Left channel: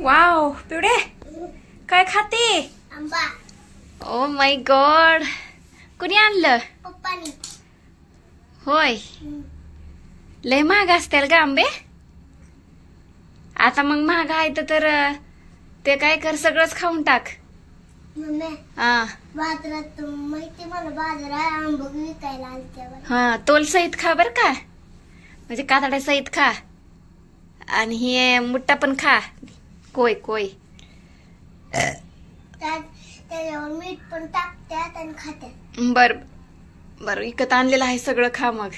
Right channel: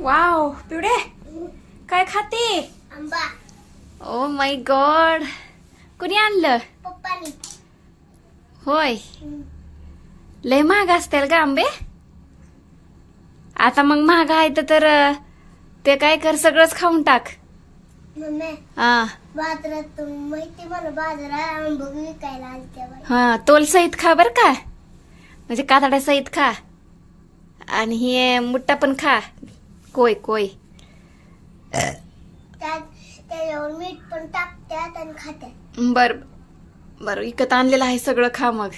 Wow पिवडे काय खाते? आंबा. ओ माय गॉड, कुणी आणलं? पप्पानी. होय, लय महाग असतील का आंबे? आता मग महाग आहे तर ते काय कर, सगळंच खाऊन टाक. मम्मी हा बाजारात माहिती मला बाजारात आंबे विकायला आलते. हा, तोल सहित खा बर का, म्हणजे कातड्या सहित खा. आणि हे मुट्टा पण खा, कोय कोय. त्याच्यावर मीठ पण टाकतात आणि खात्यात. बर बर, विकत आणलेलं आहे सगळं, खा मग.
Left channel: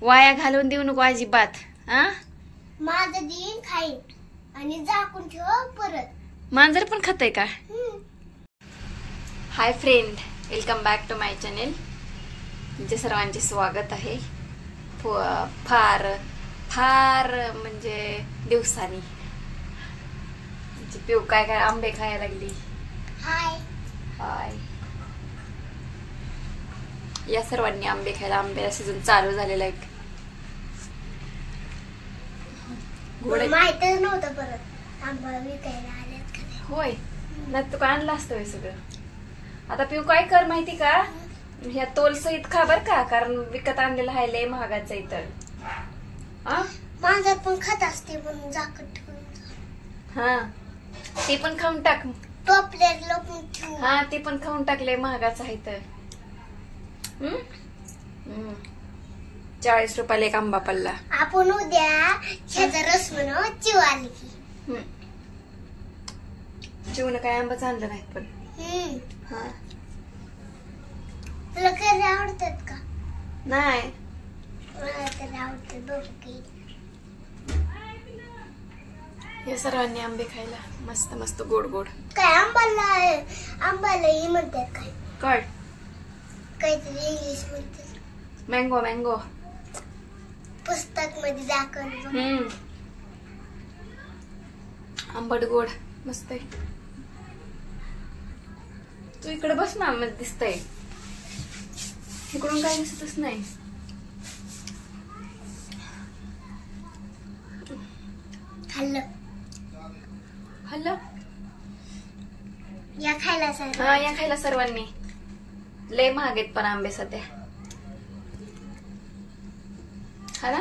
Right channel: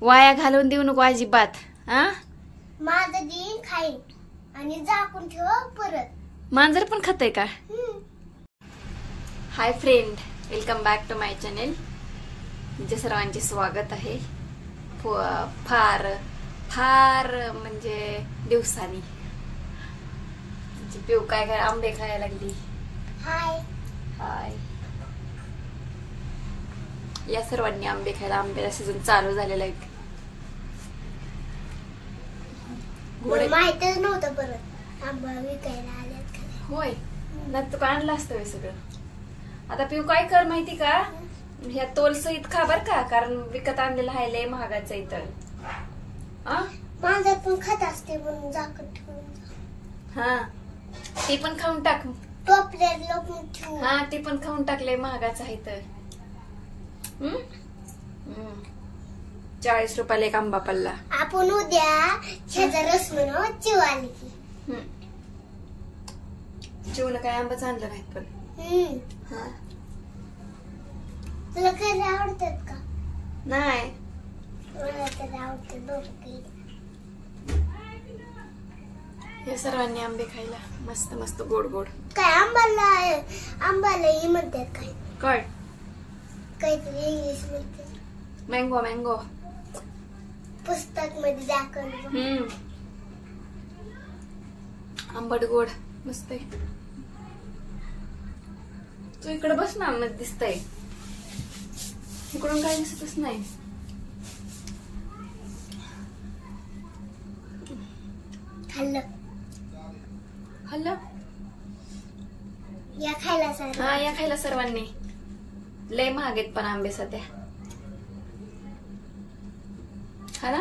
वाया घालून देऊ नको अजिबात. हा, माझं दिन खाईन आणि झाकून ठेव परत. मांजर पण खातय का? Hi friend, welcome back to my channel. तुमच्या सर्वांचे स्वागत आहे. फार फार म्हणजे दिवसांनी पिऊ काय काय आंबे खायला लागली. हाय हाय, या सर्वांनी आंबे खायला. आंब्याला सीझन चालू झालेला आहे. मला माहितच नव्हतं परत आंबा विकायला आल्यात का. होय, नाही तू काय आणलं असतं होय सगळं. आता पिऊ काय कर माहिती का, ह्या तोल सहित खा बर का, कारण विकत आणलेलं आहे लय महागाचं इथं. मांजर पण खात असते म्हणून झाकण ठेवून. हा, ते पण खाऊन टाक. टोपल्यात लपून ठेवून. हा, ते पण खाऊन टाकलंय, महागाचं आहे तर. 40 रुपयाला एक आंबा पडला. आपण उद्या ह्याचा रस म्हणून चिव आली की. चिवनं काय आंबाच आणलं नाहीत पण. हा, तुला कधी आवडतात का? नाही, मला तर आवडते दोघी. हे सर्वांनी आंबे खायला, मस्त मस्त गोड गोड. काय आंबाला ही म्हणतात काय? काय? काहीतरी इंग्लिश म्हणतात. Mango mango. पुस्तक मध्ये दाखवलं. आंबट गोड मस्त आहे. तू इकडे बस ना, मध्ये दिसतंय. इकडून काही दिसतच नाही. खाल्लं. हॅलो, या खायला सांग. हा, या खायला सर्वांनी. लय महाग आहेत पण आंबे सध्या. हा ना.